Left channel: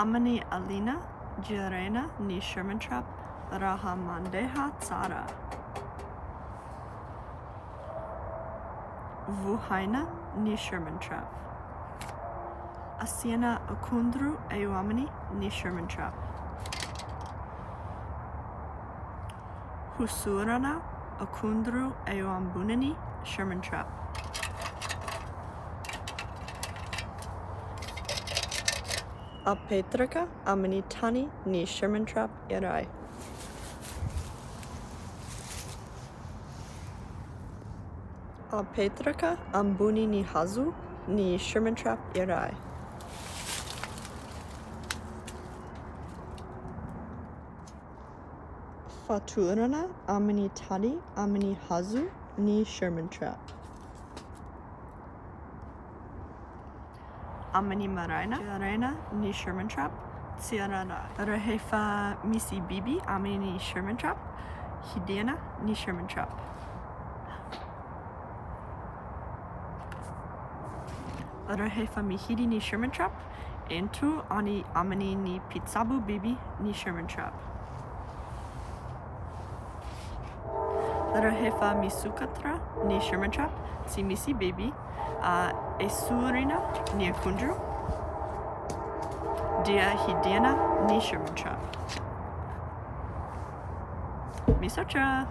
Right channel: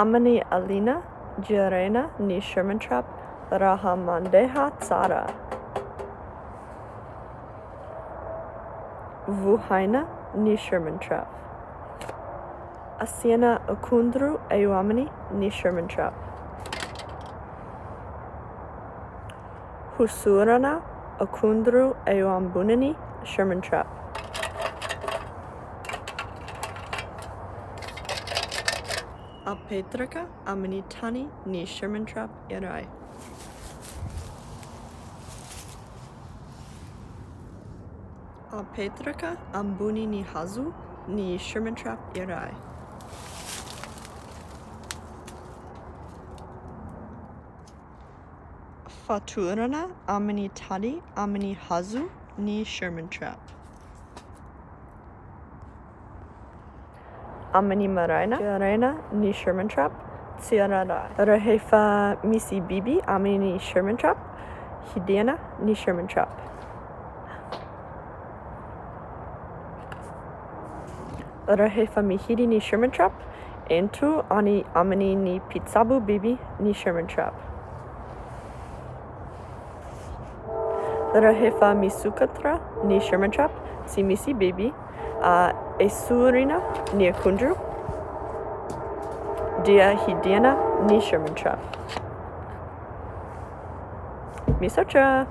Amin'ny alina jirena ni Sherman trap raha mandeha tsara. Vuhaina ni Sherman trap. Asiana akundru eo amin'ny ni Sherman trap. Husurana akundru eo ambunini Sherman trap. Alpetraka amin'ny tani ni Sherman trap iray. Alpetraka ambuni ni hazu ni Sherman trap iray. Faturana amin'ny tani amin'ny hazu ni Sherman trap. Amin'ny maraina jirena ni Sherman trap tsiararai. Rehefa misy biby amin'ny Sherman trap, hidiana ni Sherman trap. Rehefa mihidy ni Sherman trap, ento amin'ny ni pitsabu biby ni Sherman trap. Rehefa misukatra ni Sherman trap, si misy biby, esurina ni akundru, dia hidiana ni Sherman trap. Misotra!